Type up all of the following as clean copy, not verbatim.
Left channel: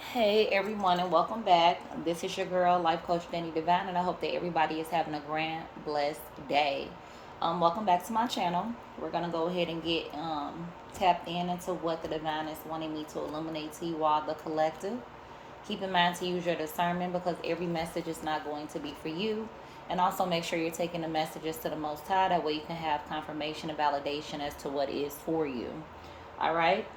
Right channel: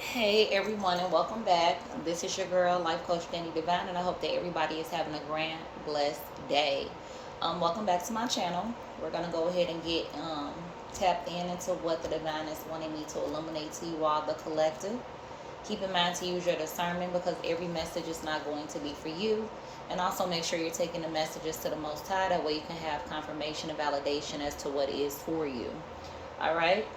Hey everyone, and welcome back. This is your girl, Life Coach Danny Divine, and I hope that everybody is having a grand, blessed day. Welcome back to my channel. We're gonna go ahead and get tapped into what the divine is wanting me to illuminate to you all, the collective. Keep in mind to use your discernment because every message is not going to be for you. And also make sure you're taking the messages to the Most High. That way you can have confirmation and validation as to what is for you. All right.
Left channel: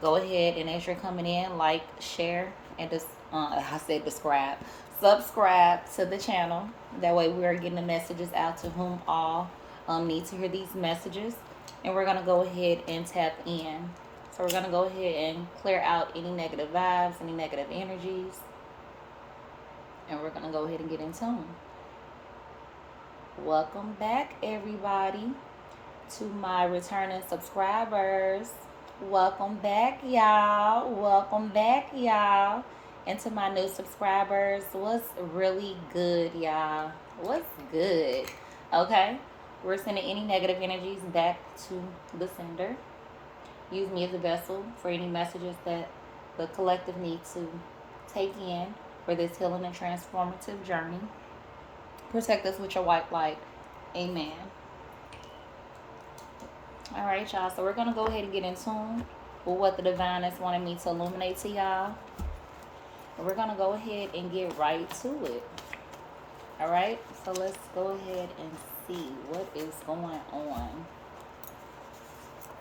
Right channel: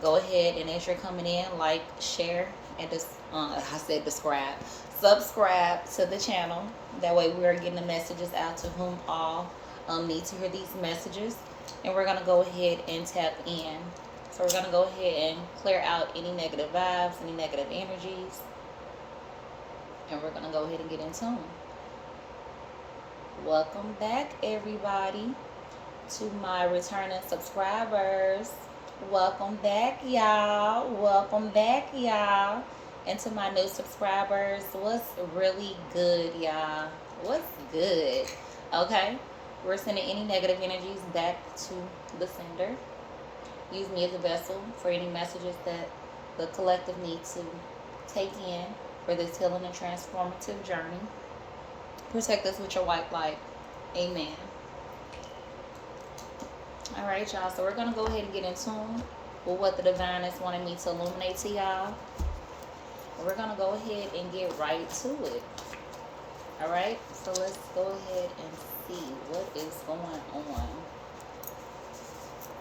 Go ahead and as you're coming in, like, share, and I said subscribe to the channel. That way we're getting the messages out to whom all need to hear these messages. And we're gonna go ahead and tap in. So we're gonna go ahead and clear out any negative vibes, any negative energies, and we're gonna go ahead and get in tune. Welcome back, everybody, to my returning subscribers. Welcome back, y'all. Welcome back, y'all. And to my new subscribers, what's really good, y'all? What's good? Okay, we're sending any negative energies back to the sender. Use me as a vessel for any messages that the collective needs to take in for this healing and transformative journey. Protect us with your white light. Amen. All right, y'all. So we're gonna go ahead and get in tune with what the divine is wanting me to illuminate to y'all. We're gonna go ahead and get right to it. All right. So let's go ahead and see what is going on.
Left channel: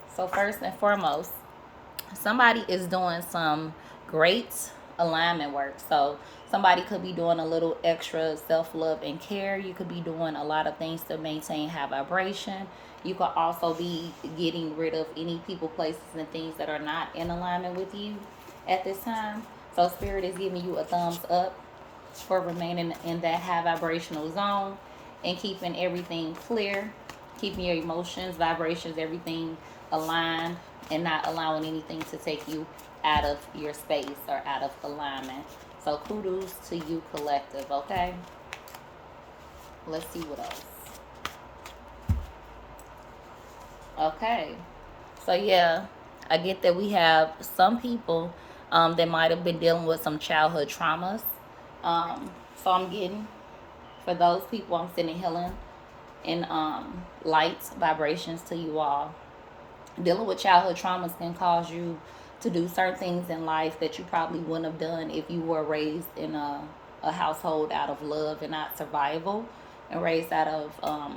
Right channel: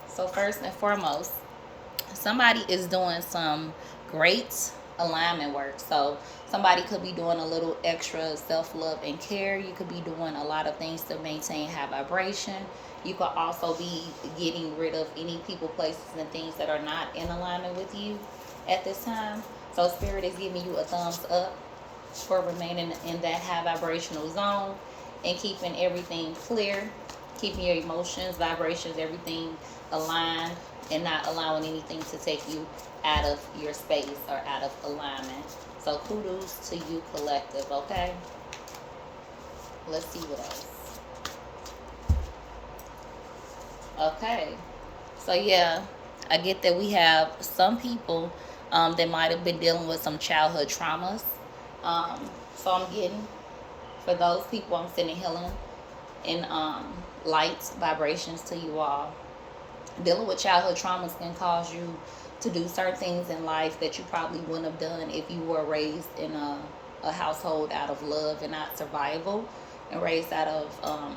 So first and foremost, somebody is doing some great alignment work. So somebody could be doing a little extra self-love and care. You could be doing a lot of things to maintain high vibration. You could also be getting rid of any people, places, and things that are not in alignment with you at this time. So spirit is giving you a thumbs up for remaining in that high vibrational zone and keeping everything clear, keeping your emotions, vibrations, everything aligned, and not allowing anything to take you out of your space or out of alignment. So kudos to you, collective. Okay, let's see what else. Okay, so yeah, I get that we have some people that might have been dealing with some childhood traumas. So I'm getting, for those people, I'm sending healing and light vibrations to you all. Dealing with childhood traumas can cause you to do certain things in life that you probably wouldn't have done if you were raised in a household out of love and not survival, and raised out of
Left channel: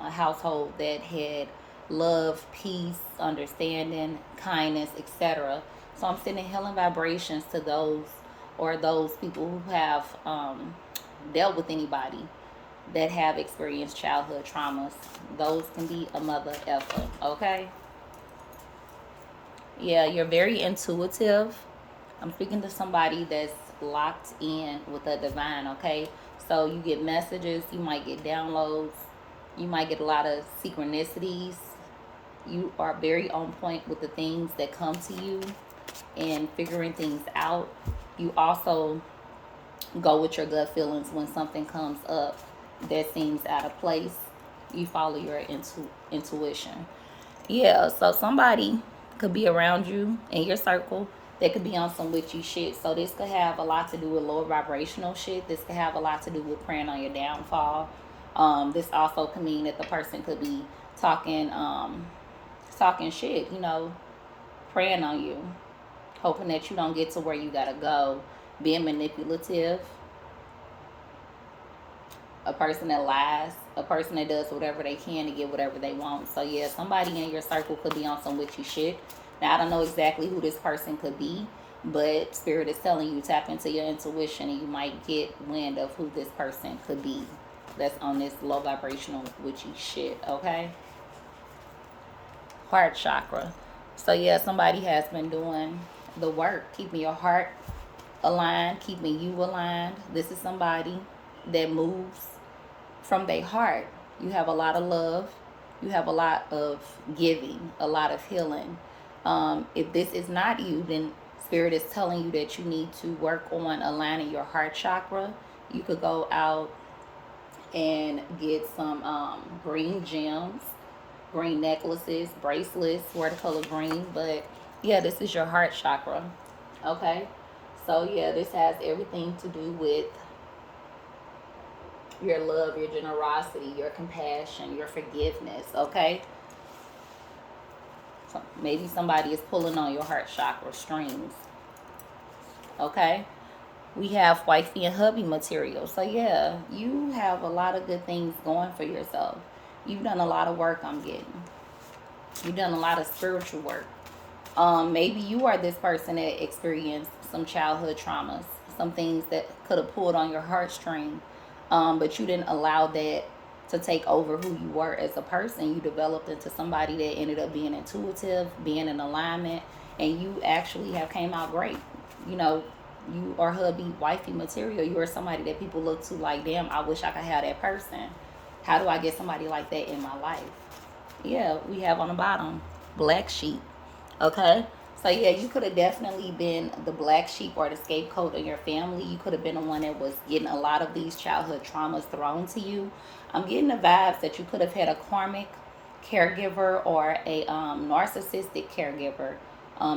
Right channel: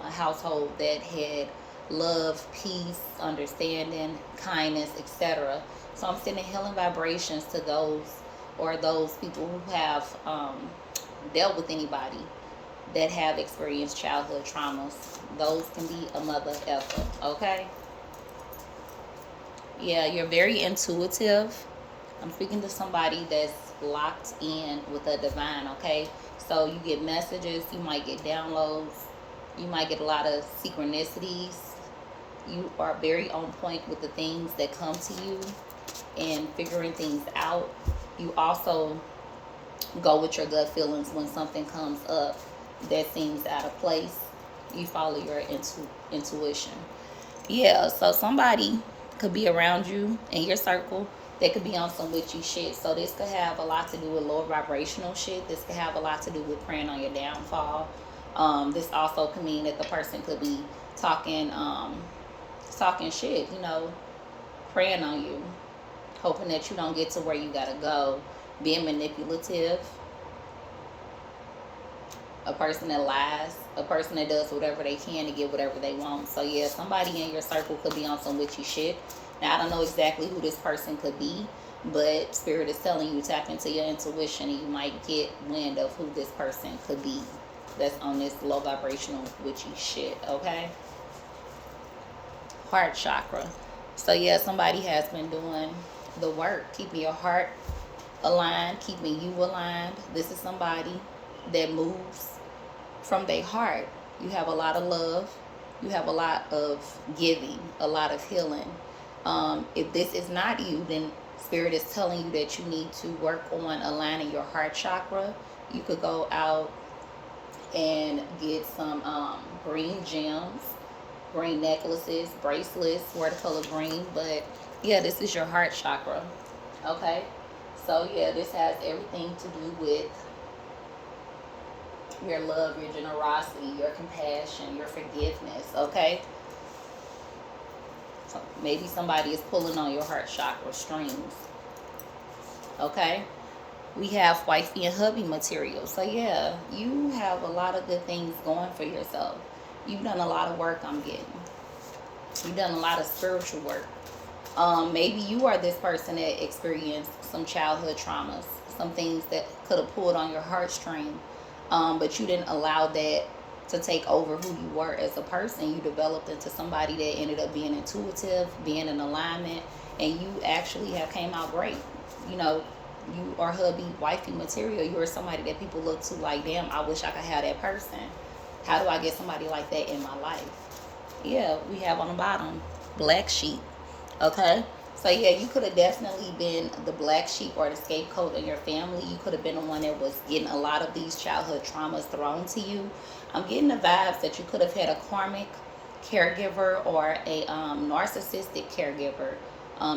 a household that had love, peace, understanding, kindness, etc. So I'm sending healing vibrations to those people who have dealt with anybody that have experienced childhood traumas. Those can be a mother effer, okay? Yeah, you're very intuitive. I'm speaking to somebody that's locked in with the divine, okay? So you get messages, you might get downloads, you might get a lot of synchronicities. You are very on point with the things that come to you and figuring things out. You also go with your gut feelings when something comes up that seems out of place. You follow your intuition. Yeah, so somebody could be around you in your circle. They could be on some witchy shit. So this could have a lot to do with lower vibrational shit. This could have a lot to do with praying on your downfall. This also could mean that the person could be talking shit, praying on you, hoping that you don't get to where you gotta go, being manipulative, a person that lies, a person that does whatever they can to get whatever they want. So yeah, somebody in your circle could be on some witchy shit. Now I don't know exactly who this person could be, but spirit is telling you tap into your intuition and you might get wind of who this person could be that's on this low vibrational witchy shit, okay? Heart chakra. So yeah, somebody has been doing the work, keeping your heart aligned, keeping you aligned. This is somebody that moves from their heart. You have a lot of love. You have a lot of giving, a lot of healing. If this is not you, then Spirit is telling you that you need to work on aligning your heart chakra. You could go out and get some green gems, green necklaces, bracelets, wear the color green. But yeah, this is your heart chakra. Okay? So yeah, this has everything to do with your love, your generosity, your compassion, your forgiveness. Okay. So maybe somebody is pulling on your heart chakra strings. Okay. We have wifey and hubby material. So yeah, you have a lot of good things going for yourself. You've done a lot of work, I'm getting. You've done a lot of spiritual work. Maybe you are this person that experienced some childhood traumas, some things that could have pulled on your heartstring, but you didn't allow that to take over who you were as a person. You developed into somebody that ended up being intuitive, being in alignment, and you actually have came out great. You know, you are hubby, wifey material. You are somebody that people look to like, damn, I wish I could have that person. How do I get somebody like that in my life? Yeah, we have on the bottom black sheep. Okay. So yeah, you could have definitely been the black sheep or the scapegoat in your family. You could have been the one that was getting a lot of these childhood traumas thrown to you. I'm getting the vibes that you could have had a karmic caregiver or a narcissistic caregiver,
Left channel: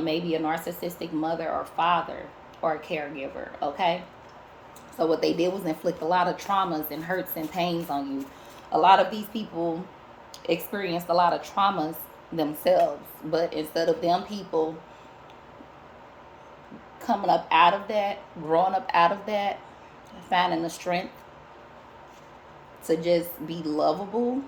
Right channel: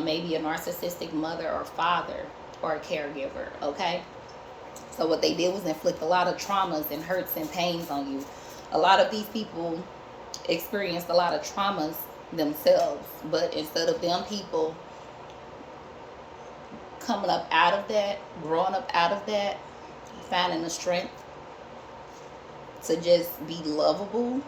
maybe a narcissistic mother or father or a caregiver. Okay. So what they did was inflict a lot of traumas and hurts and pains on you. A lot of these people experienced a lot of traumas themselves, but instead of them people coming up out of that, growing up out of that, finding the strength to just be lovable,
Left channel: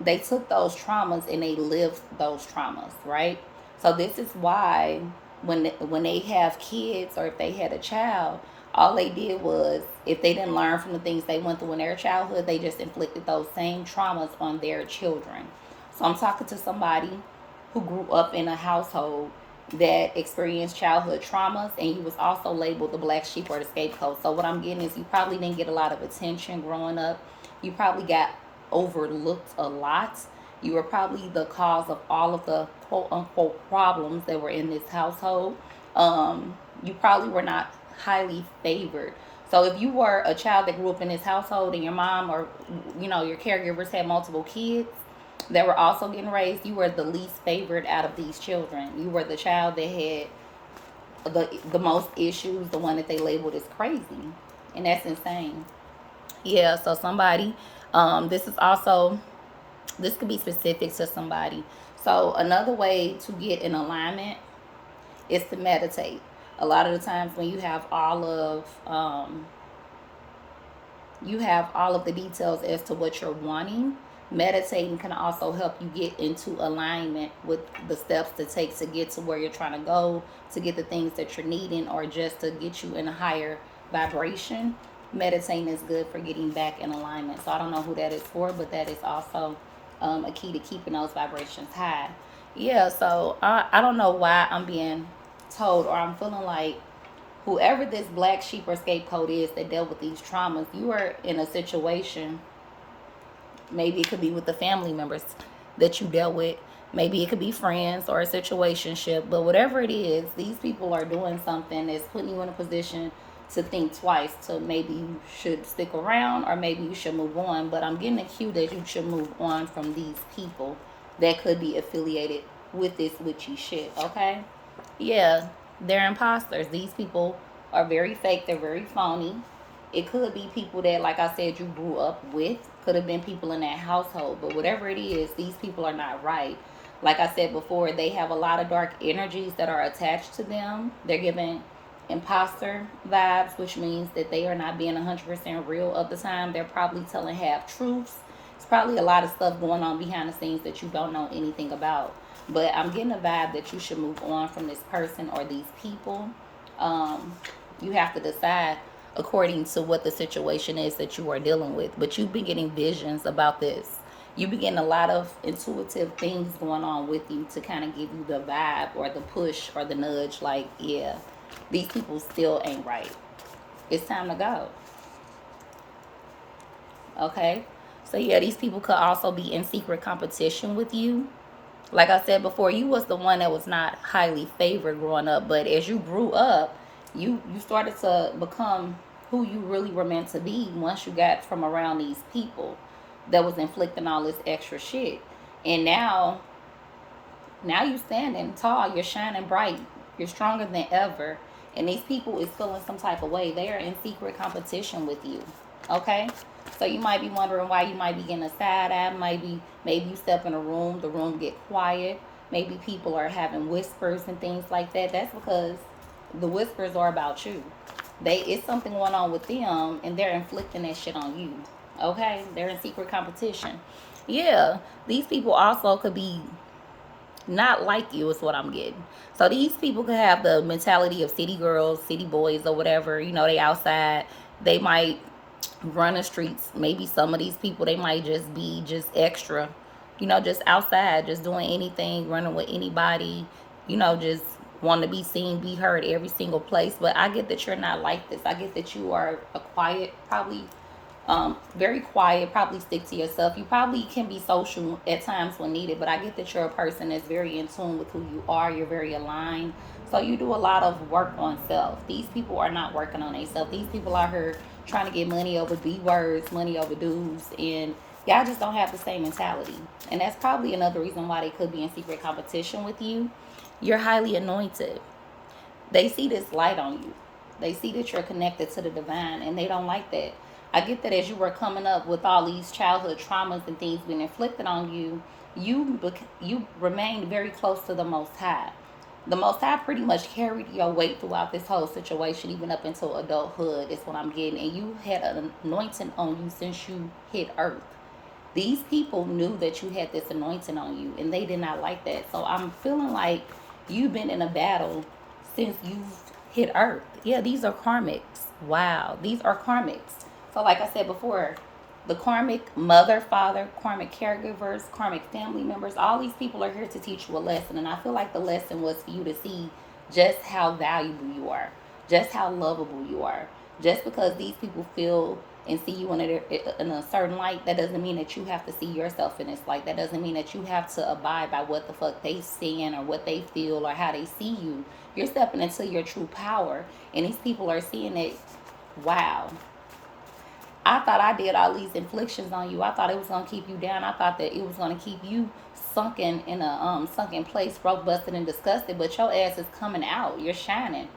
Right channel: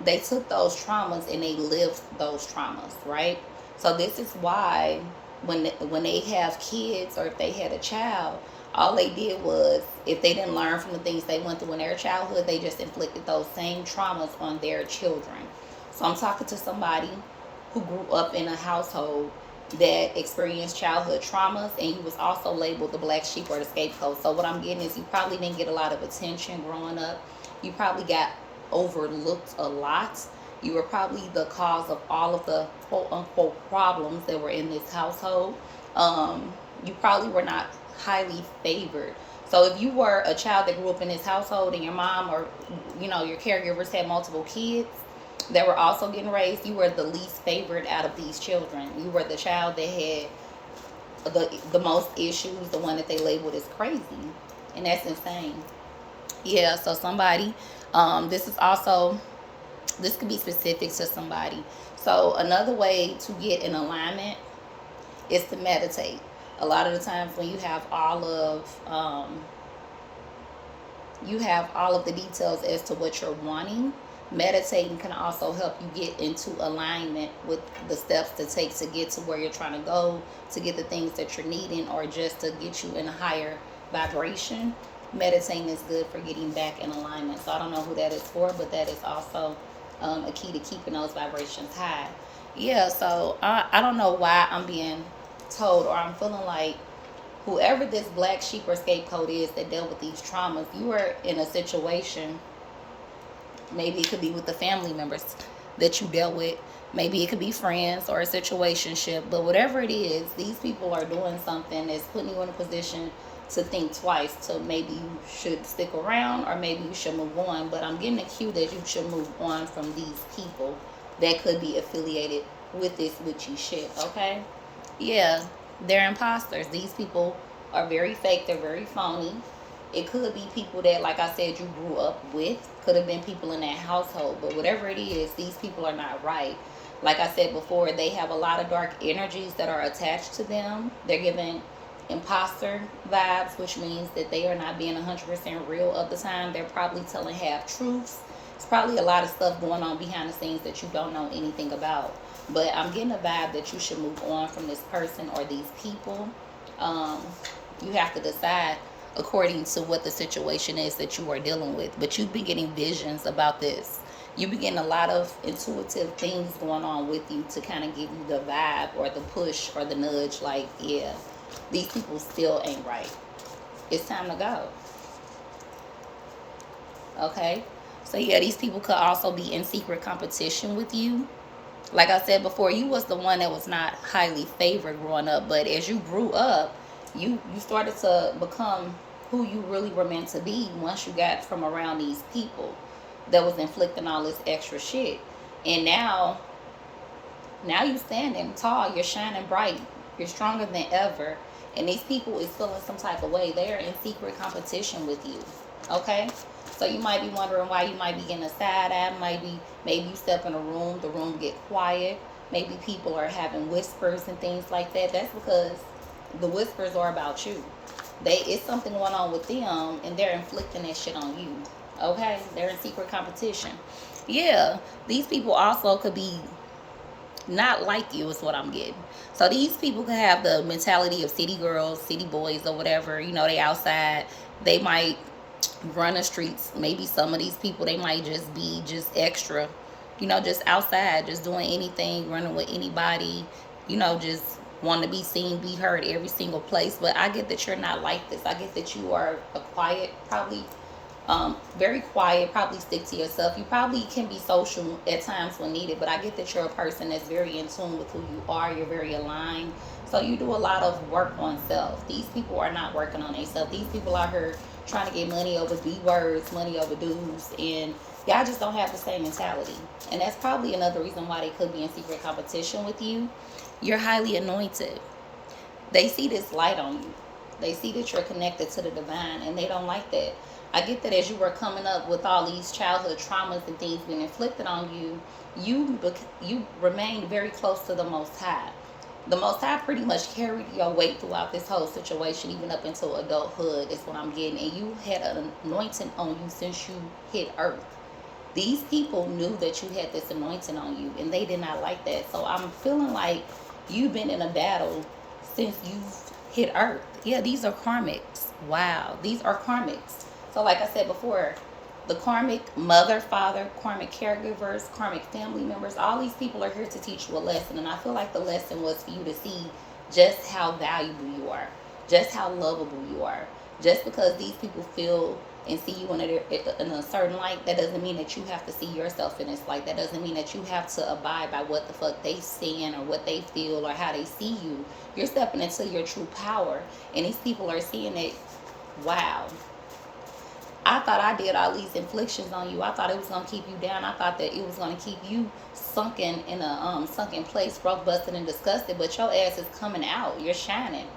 they took those traumas and they lived those traumas, right? So this is why when they have kids or if they had a child, all they did was if they didn't learn from the things they went through in their childhood, they just inflicted those same traumas on their children. So I'm talking to somebody who grew up in a household that experienced childhood traumas, and you was also labeled the black sheep or the scapegoat. So what I'm getting is you probably didn't get a lot of attention growing up. You probably got overlooked a lot. You were probably the cause of all of the quote unquote problems that were in this household. You probably were not highly favored. So if you were a child that grew up in this household and your mom or your caregivers had multiple kids that were also getting raised, you were the least favored out of these children. You were the child that had the most issues, the one that they labeled as crazy, and that's insane. Yeah, so somebody, this is also, this could be specific to somebody. So another way to get in alignment is to meditate. A lot of the times when you have all of the details as to what you're wanting, meditating can also help you get into alignment with the steps to take to get to where you're trying to go, to get the things that you're needing, or just to get you in a higher vibration. Meditating is good for getting back in alignment. So I don't know who that is for, but that is also a key to keeping those vibrations high. Yeah, so I don't know why I'm being told, or I'm feeling like whoever this black sheep or scapegoat is that dealt with these traumas, you are in a situation. Maybe it could be with the family members that you dealt with. Maybe it could be friends or a situationship. But whatever it is, these people are doing something that's putting you in a position to think twice, to maybe you should stick around or maybe you should move on. But I'm getting a cue that you should move on from these people that could be affiliated with this witchy shit, okay? Yeah, they're imposters. These people are very fake. They're very phony. It could be people that, like I said, you grew up with. Could have been people in that household. But whatever it is, these people are not right. Like I said before, they have a lot of dark energies that are attached to them. They're giving imposter vibes, which means that they are not being 100% real of the time. They're probably telling half truths. It's probably a lot of stuff going on behind the scenes that you don't know anything about. But I'm getting a vibe that you should move on from this person or these people. Um, you have to decide according to what the situation is that you are dealing with. But you've been getting visions about this. You've been getting a lot of intuitive things going on with you to kind of give you the vibe or the push or the nudge like, yeah, these people still ain't right. It's time to go. Okay? So yeah, these people could also be in secret competition with you. Like I said before, you was the one that was not highly favored growing up, but as you grew up, you started to become who you really were meant to be once you got from around these people that was inflicting all this extra shit. And now you standing tall, you're shining bright, you're stronger than ever, And these people is feeling some type of way. They are in secret competition with you. Okay? So you might be wondering why you might be getting a side eye. Maybe you step in a room, the room get quiet. Maybe people are having whispers and things like that. That's because the whispers are about you. It's something going on with them and they're inflicting that shit on you. Okay? They're in secret competition. Yeah, these people also could be not like you is what I'm getting. So these people could have the mentality of city girls, city boys, or whatever. You know, they outside. They might run the streets. Maybe some of these people, they might just be just extra. You know, just outside, just doing anything, running with anybody. You know, just want to be seen, be heard every single place. But I get that you're not like this. I get that you are a quiet, probably very quiet, probably stick to yourself. You probably can be social at times when needed, but I get that you're a person that's very in tune with who you are. You're very aligned. So you do a lot of work on self. These people are not working on themselves. These people out here trying to get money over B words, money over dudes, and y'all just don't have the same mentality. And that's probably another reason why they could be in secret competition with you. You're highly anointed. They see this light on you. They see that you're connected to the divine, and they don't like that. I get that as you were coming up with all these childhood traumas and things being inflicted on you, you remained very close to the Most High. The Most High pretty much carried your weight throughout this whole situation, even up until adulthood, is what I'm getting. And you had an anointing on you since you hit Earth. These people knew that you had this anointing on you, and they did not like that. So I'm feeling like you've been in a battle since you've hit Earth. Yeah, these are karmics. Wow, these are karmics. So, like I said before, the karmic mother, father, karmic caregivers, karmic family members, all these people are here to teach you a lesson. And I feel like the lesson was for you to see just how valuable you are, just how lovable you are. Just because these people feel and see you in a certain light, that doesn't mean that you have to see yourself in this light. That doesn't mean that you have to abide by what the fuck they saying or what they feel or how they see you. You're stepping into your true power. And these people are seeing it. Wow. I thought I did all these inflictions on you. I thought it was gonna keep you down. I thought that it was gonna keep you sunken in a sunken place, broke, busted, and disgusted. But your ass is coming out. You're shining.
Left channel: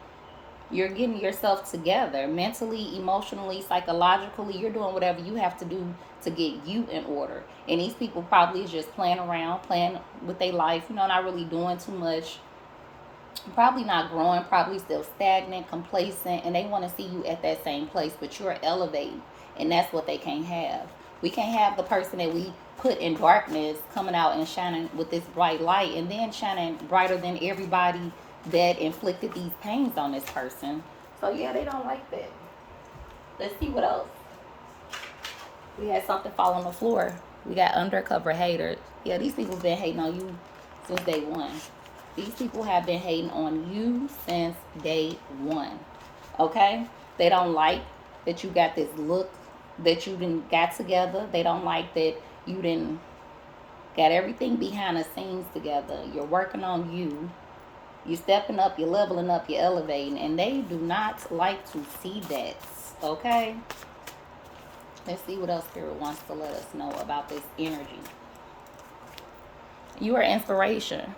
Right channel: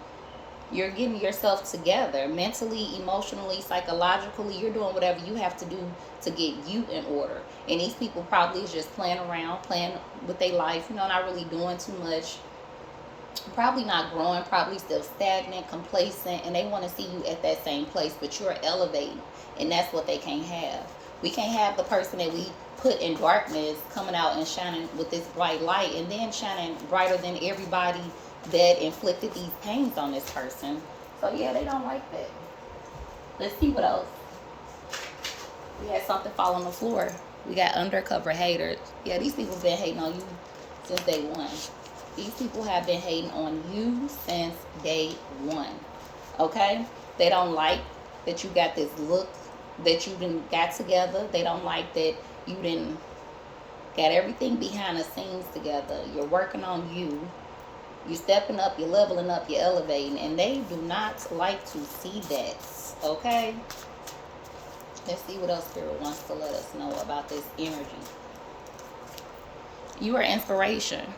You're getting yourself together mentally, emotionally, psychologically. You're doing whatever you have to do to get you in order. And these people probably is just playing around, playing with their life. You know, not really doing too much. Probably not growing. Probably still stagnant, complacent, and they want to see you at that same place. But you're elevating. And that's what they can't have. We can't have the person that we put in darkness coming out and shining with this bright light and then shining brighter than everybody that inflicted these pains on this person. So yeah, they don't like that. Let's see what else. We had something fall on the floor. We got undercover haters. Yeah, these people been hating on you since day one. These people have been hating on you since day one. Okay? They don't like that you got this look that you didn't got together. They don't like that you didn't got everything behind the scenes together. You're working on you. You're stepping up, you're leveling up, you're elevating. And they do not like to see that. Okay? Let's see what else Spirit wants to let us know about this energy. You are inspiration.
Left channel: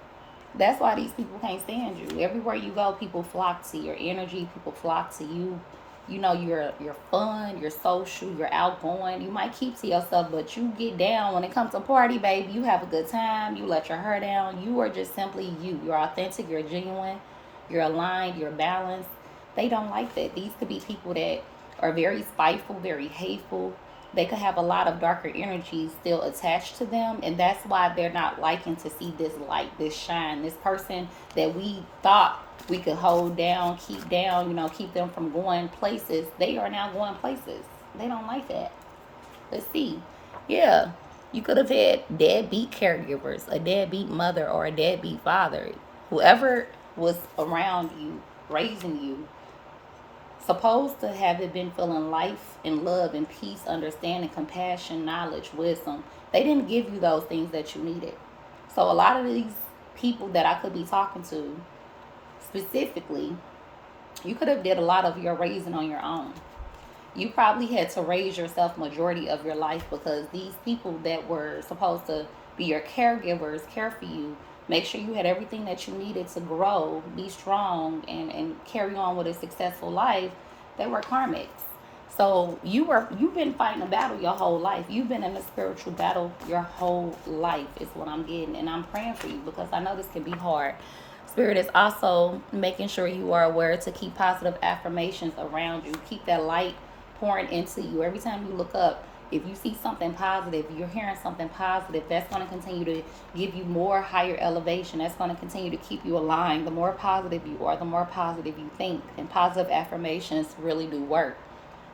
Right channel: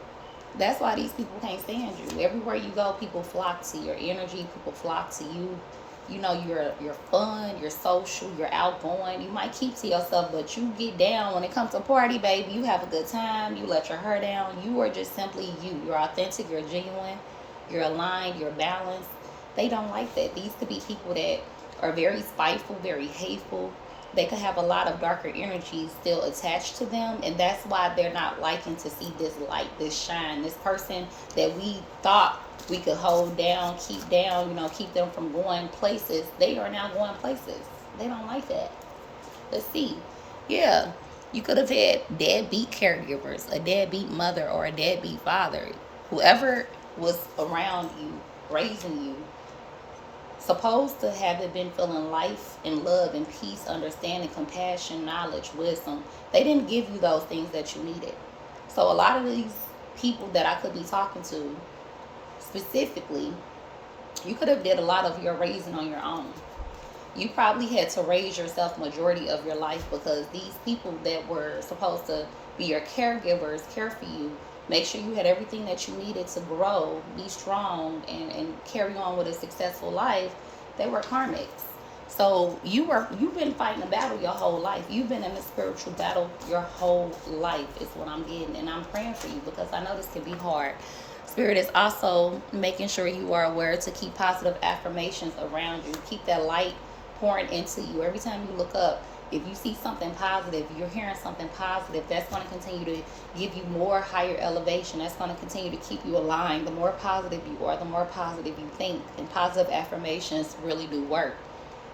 That's why these people can't stand you. Everywhere you go, people flock to your energy. People flock to you. You know, you're fun, you're social, you're outgoing. You might keep to yourself, but you get down. When it comes to party, baby, you have a good time. You let your hair down. You are just simply you. You're authentic, you're genuine, you're aligned, you're balanced. They don't like that. These could be people that are very spiteful, very hateful. They could have a lot of darker energies still attached to them, and that's why they're not liking to see this light, this shine, this person that we thought we could hold down, you know, keep them from going places. They are now going places. They don't like that. Let's see. Yeah, you could have had deadbeat caregivers, a deadbeat mother or a deadbeat father. Whoever was around you, raising you, supposed to have it been feeling life and love and peace, understanding, compassion, knowledge, wisdom. They didn't give you those things that you needed. So a lot of these people that I could be talking to specifically, you could have did a lot of your raising on your own. You probably had to raise yourself majority of your life because these people that were supposed to be your caregivers, care for you, Make sure you had everything that you needed to grow, be strong, and carry on with a successful life. They were karmics. So you've been fighting a battle your whole life. You've been in a spiritual battle your whole life is what I'm getting. And I'm praying for you because I know this can be hard. Spirit is also making sure you are aware to keep positive affirmations around you. Keep that light pouring into you. Every time you look up, if you see something positive, you're hearing something positive, that's going to continue to give you more higher elevation. That's going to continue to keep you aligned. The more positive you are, the more positive you think. And positive affirmations really do work.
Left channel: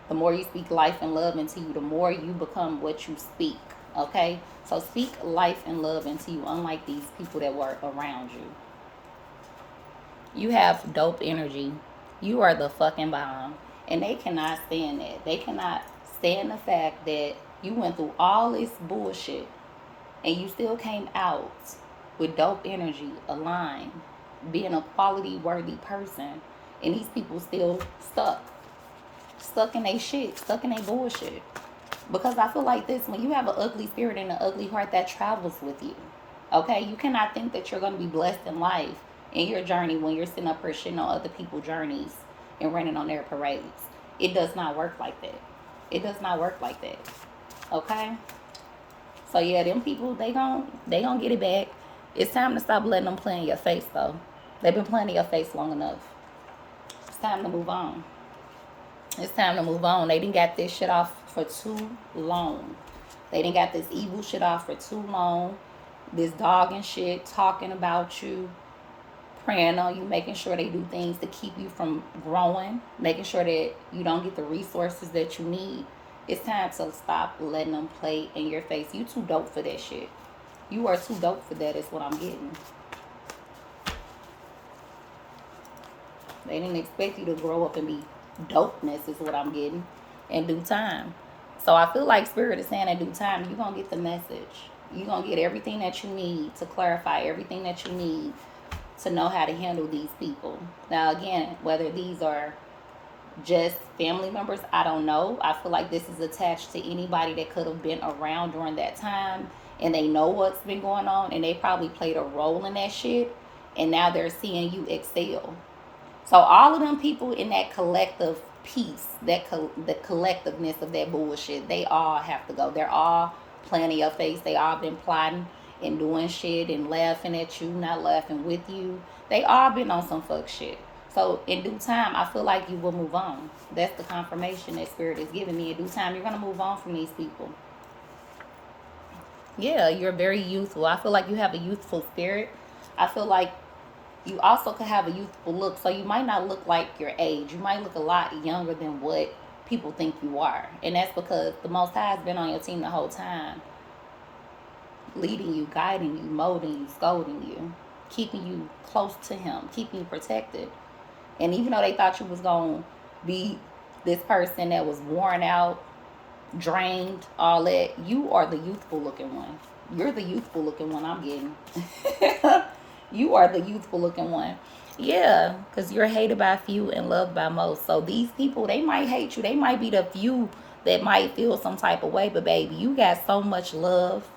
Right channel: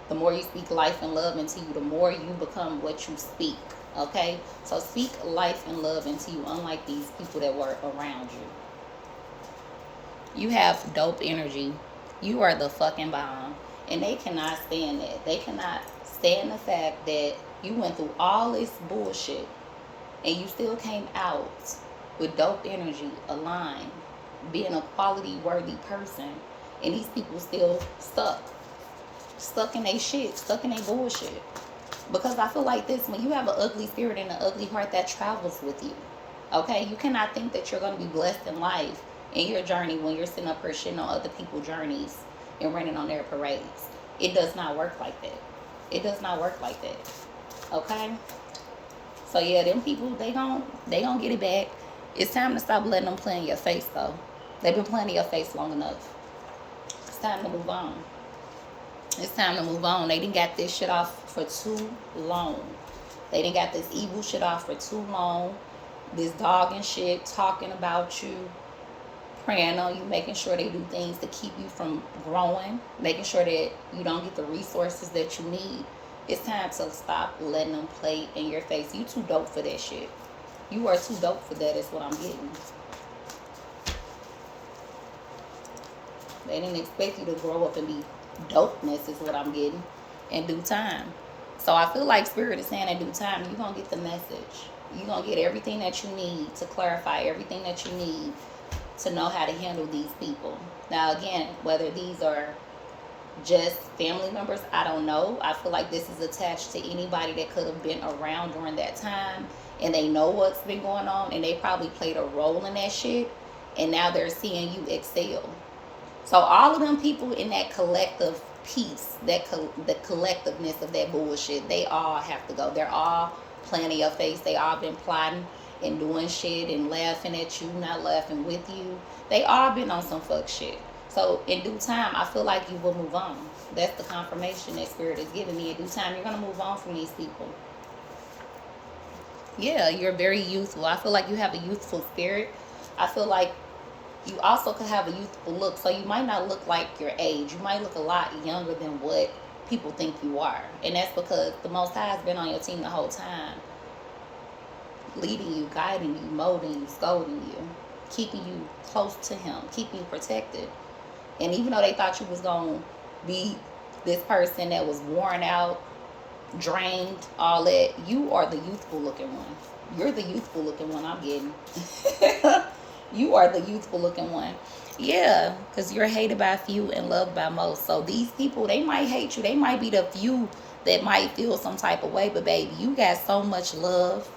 The more you speak life and love into you, the more you become what you speak. Okay? So speak life and love into you, unlike these people that were around you. You have dope energy. You are the fucking bomb. And they cannot stand it. They cannot stand the fact that you went through all this bullshit and you still came out with dope energy, aligned, being a quality worthy person. And these people still stuck in their shit, stuck in their bullshit. Because I feel like this, when you have an ugly spirit and an ugly heart, that travels with you. Okay? You cannot think that you're going to be blessed in life in your journey when you're sitting up here shitting on other people's journeys and running on their parades. It does not work like that. It does not work like that. Okay? So yeah, them people, they gon' get it back. It's time to stop letting them play in your face though. They've been playing in your face long enough. It's time to move on. It's time to move on. They didn't got this shit off for too long. They didn't got this evil shit off for too long. This dog and shit talking about you, praying on you, making sure they do things to keep you from growing, making sure that you don't get the resources that you need. It's time to stop letting them play in your face. You too dope for that shit. You are too dope for that is what I'm getting. They didn't expect you to grow up and be dopeness is what I'm getting in due time. So I feel like Spirit is saying in due time, you're going to get the message. You're going to get everything that you need to clarify everything that you need to know how to handle these people. Now, again, whether these are just family members, I don't know. I feel like this is attached to anybody that could have been around during that time and they know what's been going on and they probably played a role in that shit and now they're seeing you excel. So all of them people in that collective piece, the collectiveness of that bullshit, they all have to go. They're all playing in your face. They all been plotting and doing shit and laughing at you, not laughing with you. They all been on some fuck shit. So in due time, I feel like you will move on. That's the confirmation that Spirit is giving me. In due time, you're going to move on from these people. Yeah, you're very youthful. I feel like you have a youthful spirit. I feel like you also could have a youthful look. So you might not look like your age. You might look a lot younger than what people think you are. And that's because the Most High has been on your team the whole time. Leading you, guiding you, molding you, scolding you, keeping you close to Him, keeping you protected. And even though they thought you was going to be this person that was worn out, drained, all that, you are the youthful looking one. You're the youthful looking one I'm getting. You are the youthful looking one. Yeah, because you're hated by few and loved by most. So these people, they might hate you. They might be the few that might feel some type of way. But baby, you got so much love.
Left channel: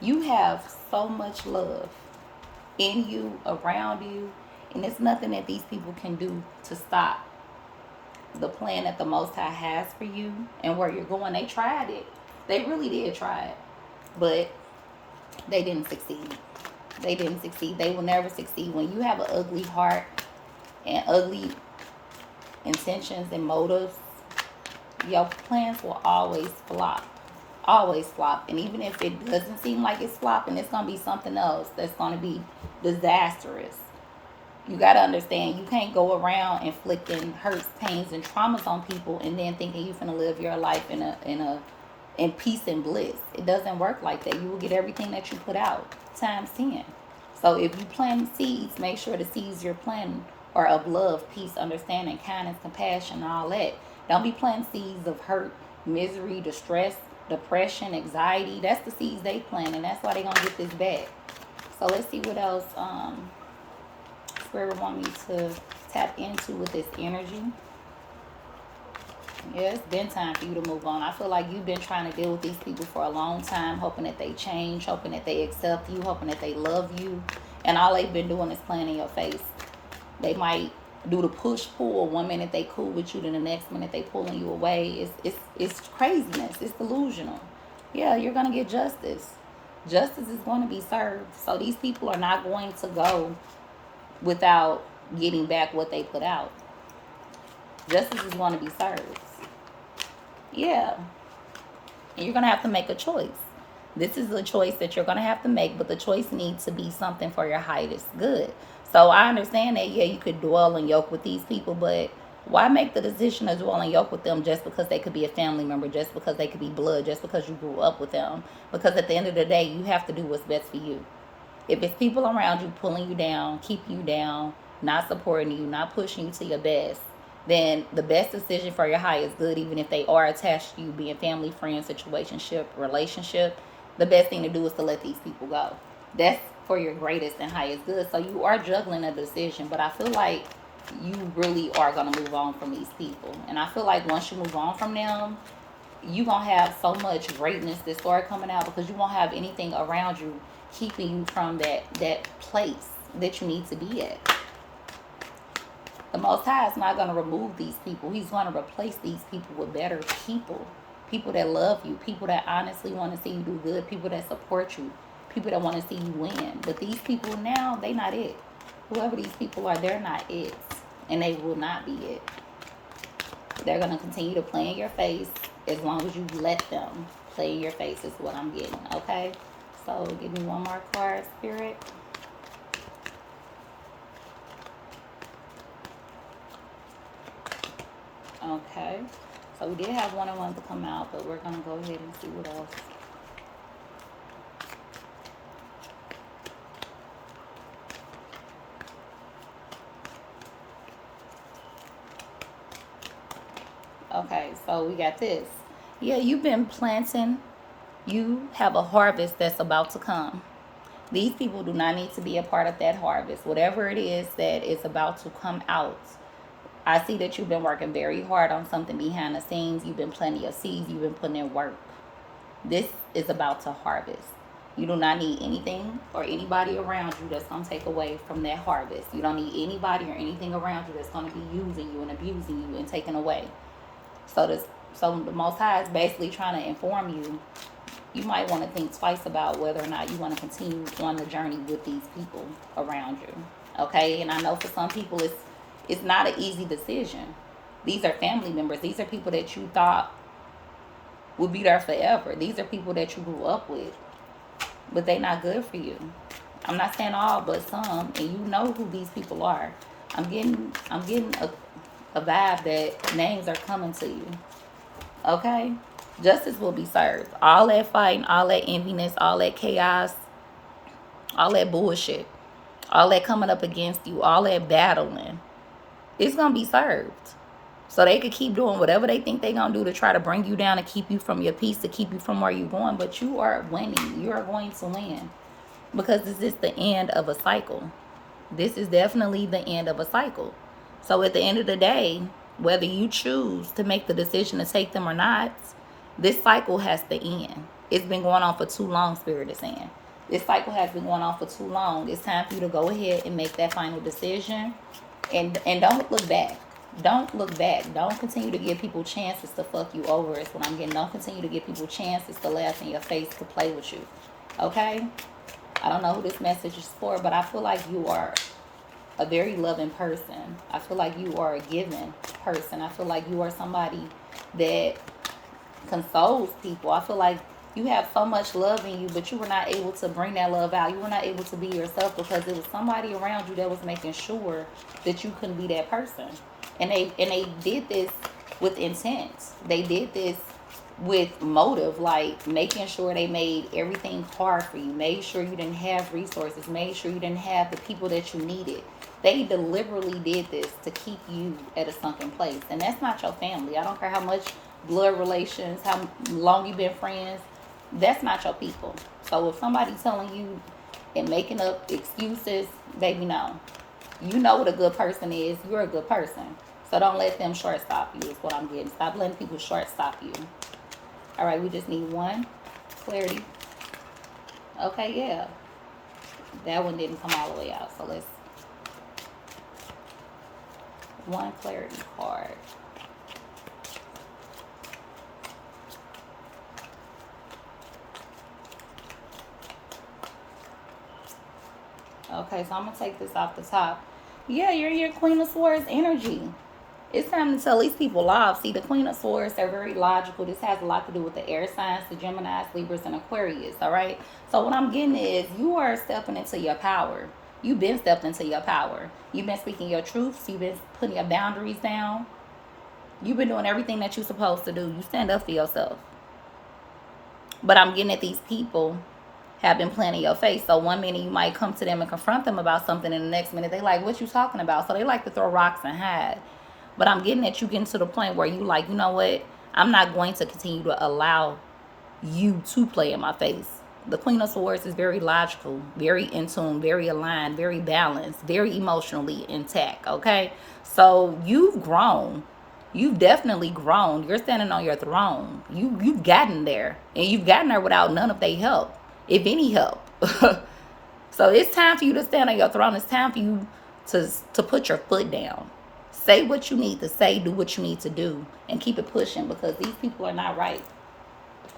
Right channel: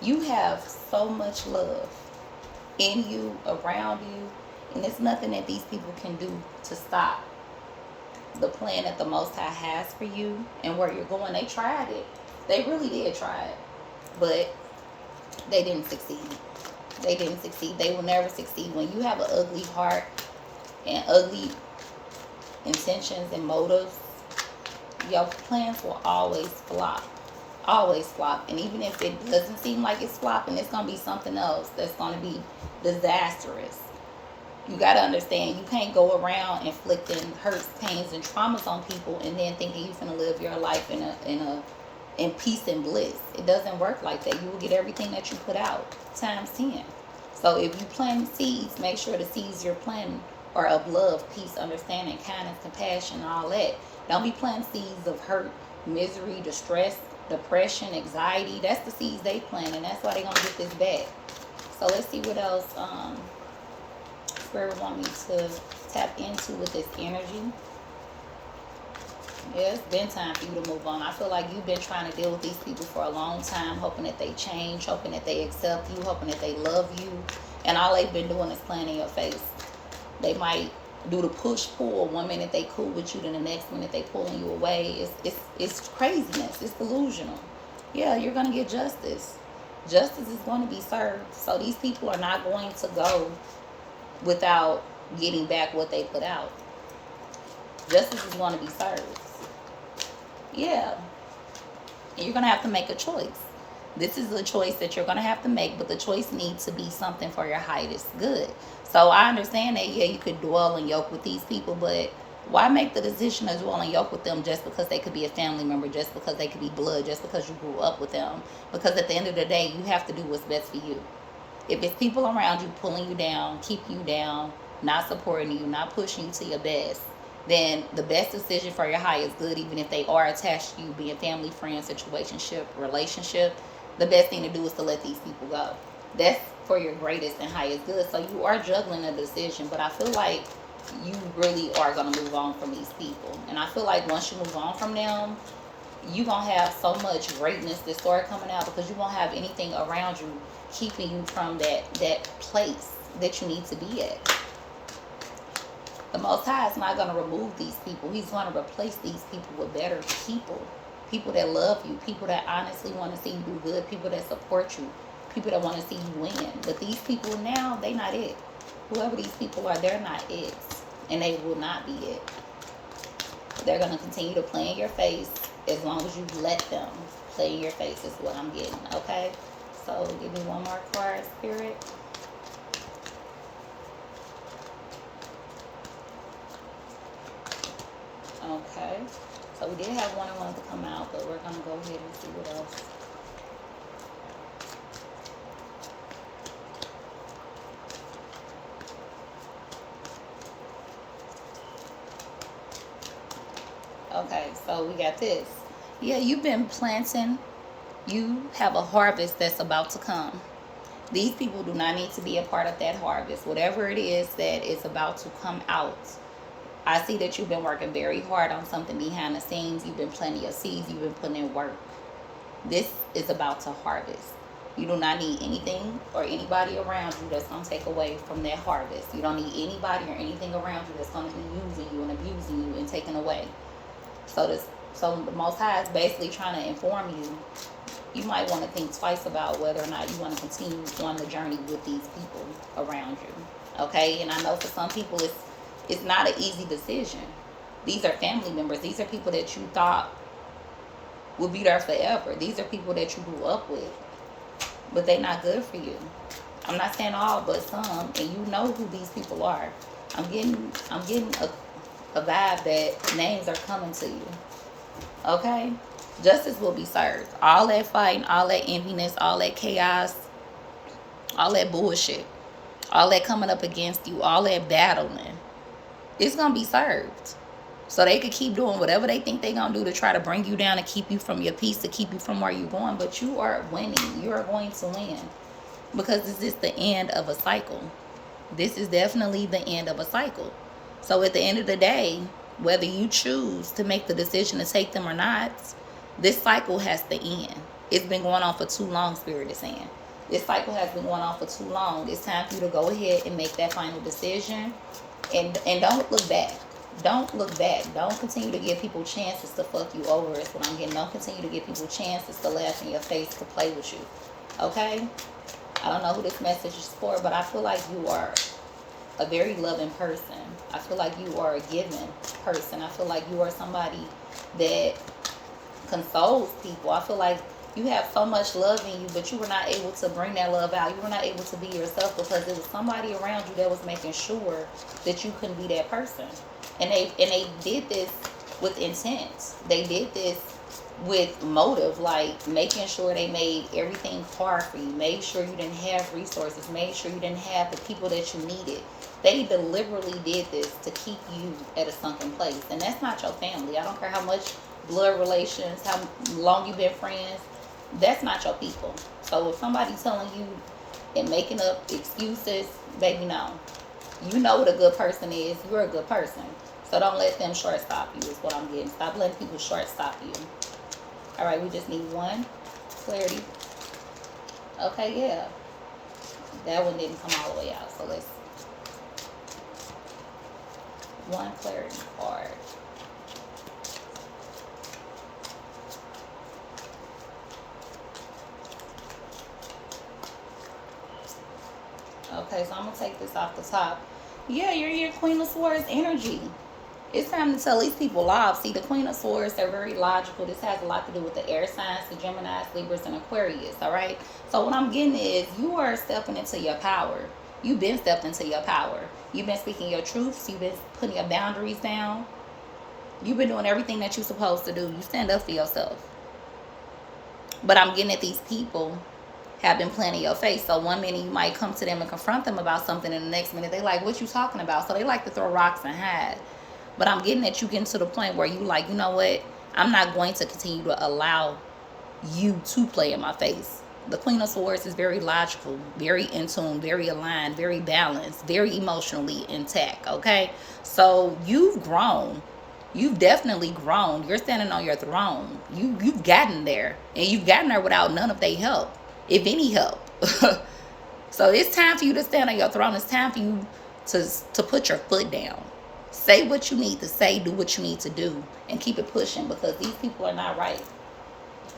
You have so much love in you, around you. And there's nothing that these people can do to stop the plan that the Most High has for you and where you're going. They tried it. They really did try it. But they didn't succeed. They didn't succeed. They will never succeed. When you have an ugly heart and ugly intentions and motives, your plans will always flop. Always flop. And even if it doesn't seem like it's flopping, it's going to be something else that's going to be disastrous. You got to understand, you can't go around inflicting hurts, pains, and traumas on people and then thinking you're going to live your life in peace and bliss. It doesn't work like that. You will get everything that you put out times 10. So if you plant seeds, make sure the seeds you're planting are of love, peace, understanding, kindness, compassion, and all that. Don't be planting seeds of hurt, misery, distress, depression, anxiety. That's the seeds they plant, and that's why they're going to get this back. So let's see what else Spirit want me to tap into with this energy. Yeah, it's been time for you to move on. I feel like you've been trying to deal with these people for a long time, hoping that they change, hoping that they accept you, hoping that they love you. And all they've been doing is playing in your face. They might do the push pull. One minute they cool with you, then the next minute they pulling you away. It's craziness. It's delusional. Yeah, you're gonna get justice. Justice is going to be served. So these people are not going to go without getting back what they put out. Justice is going to be served. Yeah. And you're going to have to make a choice. This is a choice that you're going to have to make, but the choice needs to be something for your highest good. So I understand that, yeah, you could dwell and yoke with these people, but why make the decision to dwell and yoke with them just because they could be a family member, just because they could be blood, just because you grew up with them? Because at the end of the day, you have to do what's best for you. If it's people around you pulling you down, keeping you down, not supporting you, not pushing you to your best, then the best decision for your highest good, even if they are attached to you, being family, friends, situationship, relationship, the best thing to do is to let these people go. That's for your greatest and highest good. So you are juggling a decision, but I feel like you really are going to move on from these people. And I feel like once you move on from them, you're going to have so much greatness that start coming out, because you won't have anything around you keeping you from that place that you need to be at. The Most High is not going to remove these people. He's going to replace these people with better people. People that love you. People that honestly want to see you do good. People that support you. People that want to see you win. But these people now, they not it. Whoever these people are, they're not it. And they will not be it. They're going to continue to play in your face as long as you let them play in your face is what I'm getting. Okay? So give me one more card, Spirit. Okay. So we did have one of them to come out, but we're going to go ahead and see what else. Okay, so we got this. Yeah, you've been planting. You have a harvest that's about to come. These people do not need to be a part of that harvest. Whatever it is that is about to come out. I see that you've been working very hard on something behind the scenes. You've been planting your seeds. You've been putting in work. This is about to harvest. You do not need anything or anybody around you that's going to take away from that harvest. You don't need anybody or anything around you that's going to be using you and abusing you and taking away. So the Most High is basically trying to inform you. You might want to think twice about whether or not you want to continue on the journey with these people around you. Okay? And I know for some people it's not an easy decision. These are family members. These are people that you thought would be there forever. These are people that you grew up with. But they're not good for you. I'm not saying all, but some. And you know who these people are. I'm getting a vibe that names are coming to you. Okay? Justice will be served. All that fighting, all that enviness, all that chaos, all that bullshit, all that coming up against you, all that battling, it's going to be served. So they could keep doing whatever they think they're going to do to try to bring you down, to keep you from your peace, to keep you from where you're going. But you are winning. You are going to win. Because this is the end of a cycle. This is definitely the end of a cycle. So at the end of the day, whether you choose to make the decision to take them or not, this cycle has to end. It's been going on for too long, Spirit is saying. This cycle has been going on for too long. It's time for you to go ahead and make that final decision. And don't look back. Don't look back. Don't continue to give people chances to fuck you over is what I'm getting. Don't continue to give people chances to laugh in your face, to play with you. Okay? I don't know who this message is for, but I feel like you are a very loving person. I feel like you are a giving person. I feel like you are somebody that consoles people. I feel like you have so much love in you, but you were not able to bring that love out. You were not able to be yourself because there was somebody around you that was making sure that you couldn't be that person. And they did this with intent. They did this with motive, like making sure they made everything hard for you, made sure you didn't have resources, made sure you didn't have the people that you needed. They deliberately did this to keep you at a sunken place. And that's not your family. I don't care how much blood relations, how long you've been friends. That's not your people. So if somebody's telling you and making up excuses, baby, no. You know what a good person is. You're a good person. So don't let them short stop you is what I'm getting. Stop letting people short stop you. All right, we just need one. Clarity. Okay, yeah. That one didn't come all the way out. So let's, one clarity card. Okay, so I'm gonna take this off the top. Yeah, you're your Queen of Swords energy. It's time to tell these people off. See, the Queen of Swords, they're very logical. This has a lot to do with the air signs, the Geminis, Libras, and Aquarius, all right? So what I'm getting is you are stepping into your power. You've been stepped into your power. You've been speaking your truths. You've been putting your boundaries down. You've been doing everything that you're supposed to do. You stand up for yourself. But I'm getting at these people have been playing in your face. So one minute you might come to them and confront them about something, and the next minute they like, what you talking about? So they like to throw rocks and hide. But I'm getting at you getting to the point where you like, you know what? I'm not going to continue to allow you to play in my face. The Queen of Swords is very logical, very in tune, very aligned, very balanced, very emotionally intact, okay? So you've grown. You've definitely grown. You're standing on your throne. You've gotten there. And you've gotten there without none of their help, if any help. So it's time for you to stand on your throne. It's time for you to put your foot down. Say what you need to say, do what you need to do, and keep it pushing, because these people are not right.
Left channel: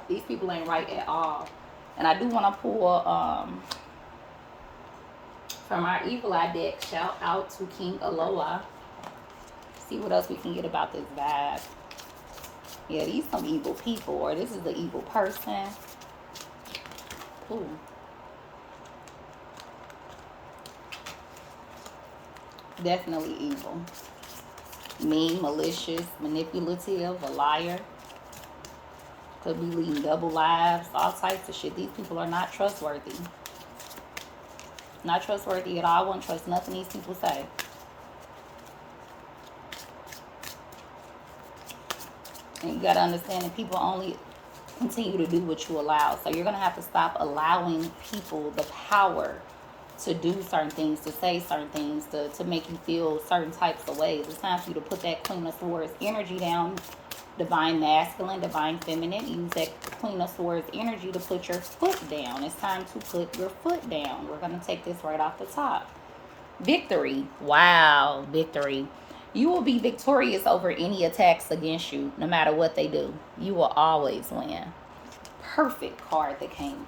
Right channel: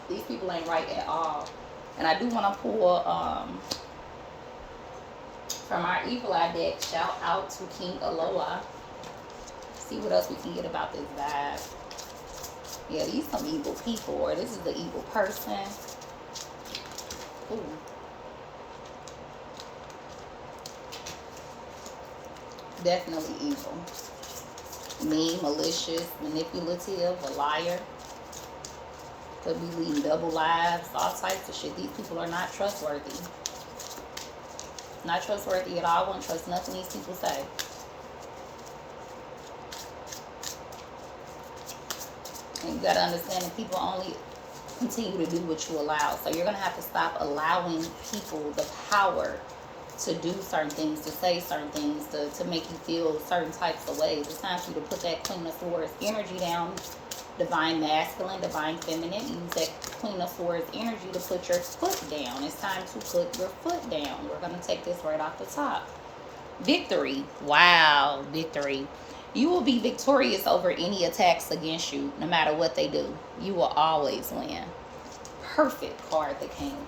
These people ain't right at all. And I do want to pull from our Evil Eye deck, shout out to King Aloha. See what else we can get about this vibe. Yeah, these some evil people, or this is the evil person. Ooh. Definitely evil. Mean, malicious, manipulative, a liar. Could be leading double lives, all types of shit. These people are not trustworthy. Not trustworthy at all. I won't trust nothing these people say. And you got to understand that people only continue to do what you allow. So you're going to have to stop allowing people the power to do certain things, to say certain things, to make you feel certain types of ways. It's time for you to put that Queen of Swords energy down. Divine masculine, divine feminine. Use that Queen of Swords energy to put your foot down. It's time to put your foot down. We're going to take this right off the top. Victory. Wow, victory. You will be victorious over any attacks against you, no matter what they do. You will always win. Perfect card that came.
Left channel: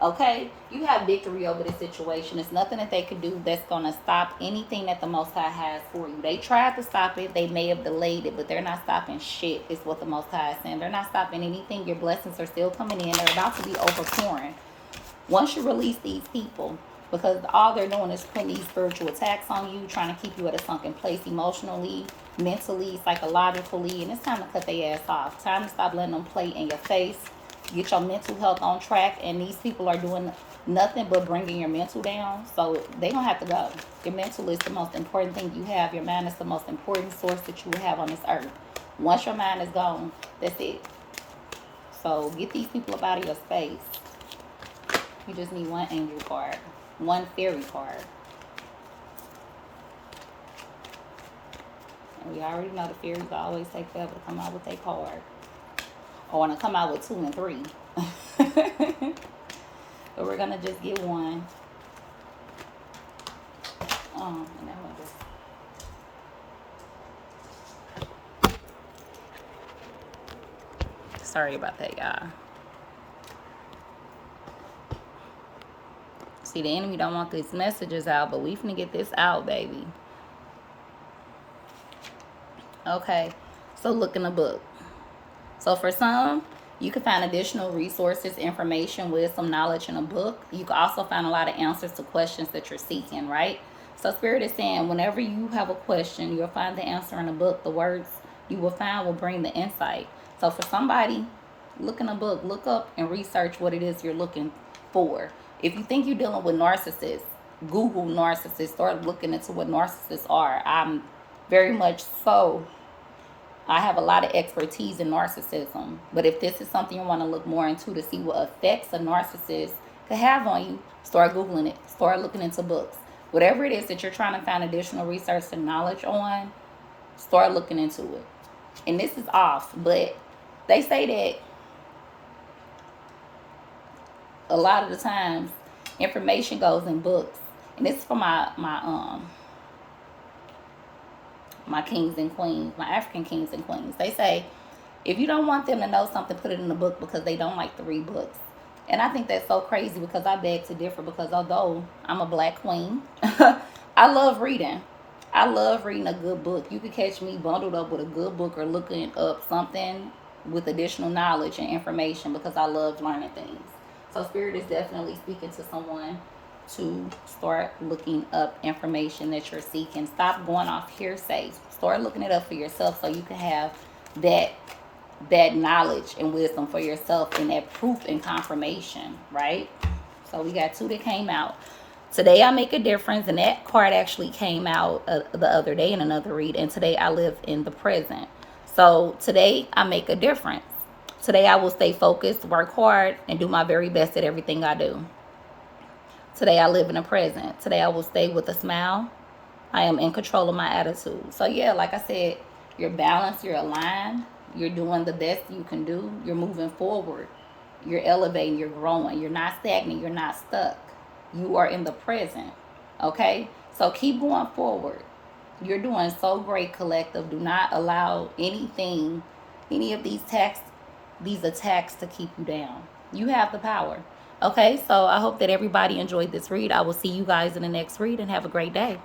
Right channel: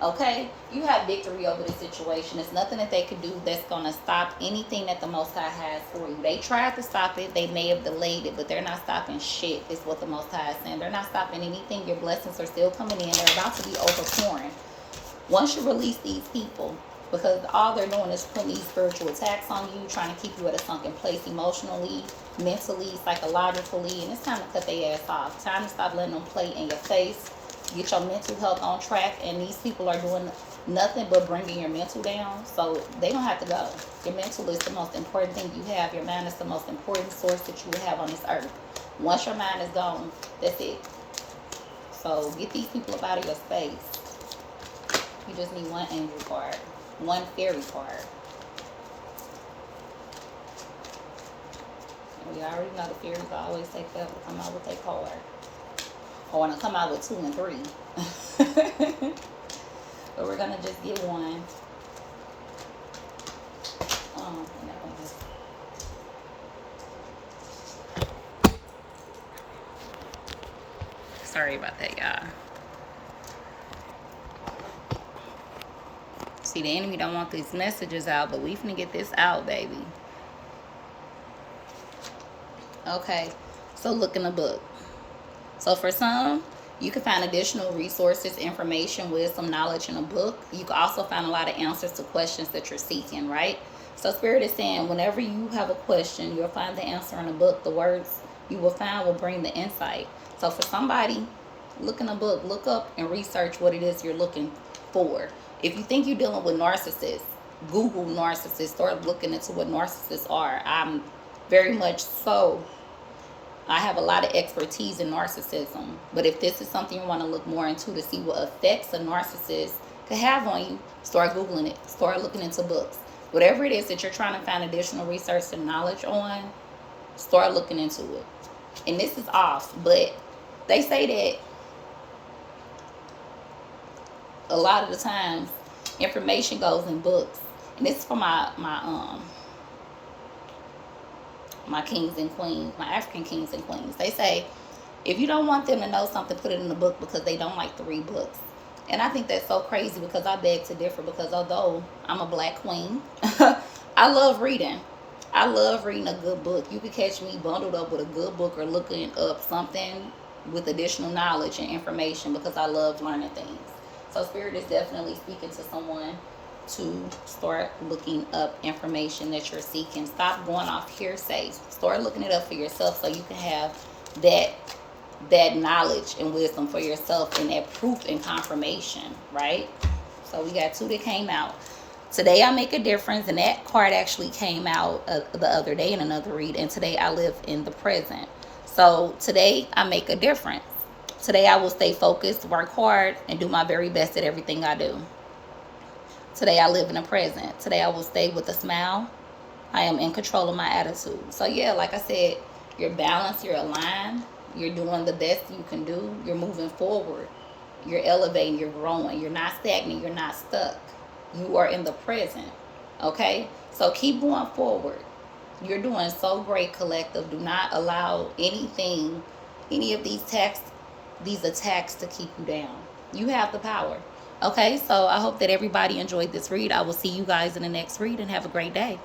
Okay, you have victory over the situation. There's nothing that they can do that's going to stop anything that the Most High has for you. They tried to stop it. They may have delayed it, but they're not stopping shit, is what the Most High is saying. They're not stopping anything. Your blessings are still coming in. They're about to be overpouring. Once you release these people, because all they're doing is putting these spiritual attacks on you, trying to keep you at a sunken place emotionally, mentally, psychologically, and it's time to cut their ass off. Time to stop letting them play in your face. Get your mental health on track, and these people are doing nothing but bringing your mental down, so they don't have to go. Your mental is the most important thing you have. Your mind is the most important source that you will have on this earth. Once your mind is gone, that's it. So get these people up out of your space. You just need one angel card, one fairy card. And we already know the fairies always take forever to come out with their card. I want to come out with 2 and 3. But we're going to just get one. Sorry about that, y'all. See, the enemy don't want these messages out, but we finna get this out, baby. Okay, so look in the book. So for some, you can find additional resources, information, wisdom, knowledge in a book. You can also find a lot of answers to questions that you're seeking, right? So Spirit is saying whenever you have a question, you'll find the answer in a book. The words you will find will bring the insight. So for somebody, look in a book, look up and research what it is you're looking for. If you think you're dealing with narcissists, Google narcissists, start looking into what narcissists are. I'm very much so. I have a lot of expertise in narcissism, but if this is something you want to look more into to see what effects a narcissist could have on you, start Googling it, start looking into books. Whatever it is that you're trying to find additional research and knowledge on, start looking into it. And this is off, but they say that a lot of the times Information goes in books. And this is for my kings and queens, my African kings and queens. They say, if you don't want them to know something, put it in the book, because they don't like to read books. And I think that's so crazy, because I beg to differ, because although I'm a black queen, I love reading. I love reading a good book. You could catch me bundled up with a good book or looking up something with additional knowledge and information, because I love learning things. So Spirit is definitely speaking to someone to start looking up information that you're seeking. Stop going off hearsay. Start looking it up for yourself, so you can have that knowledge and wisdom for yourself, and that proof and confirmation, right? So we got 2 that came out. Today I make a difference, and that card actually came out the other day in another read. And today I live in the present. So today I make a difference. Today I will stay focused, work hard, and do my very best at everything I do. Today I live in the present. Today I will stay with a smile. I am in control of my attitude. So yeah, like I said, you're balanced, you're aligned, you're doing the best you can do, you're moving forward, you're elevating, you're growing, you're not stagnant, you're not stuck. You are in the present. Okay? So keep going forward. You're doing so great, collective. Do not allow anything, any of these attacks to keep you down. You have the power. Okay? So I hope that everybody enjoyed this read. I will see you guys in the next read, and have a great day.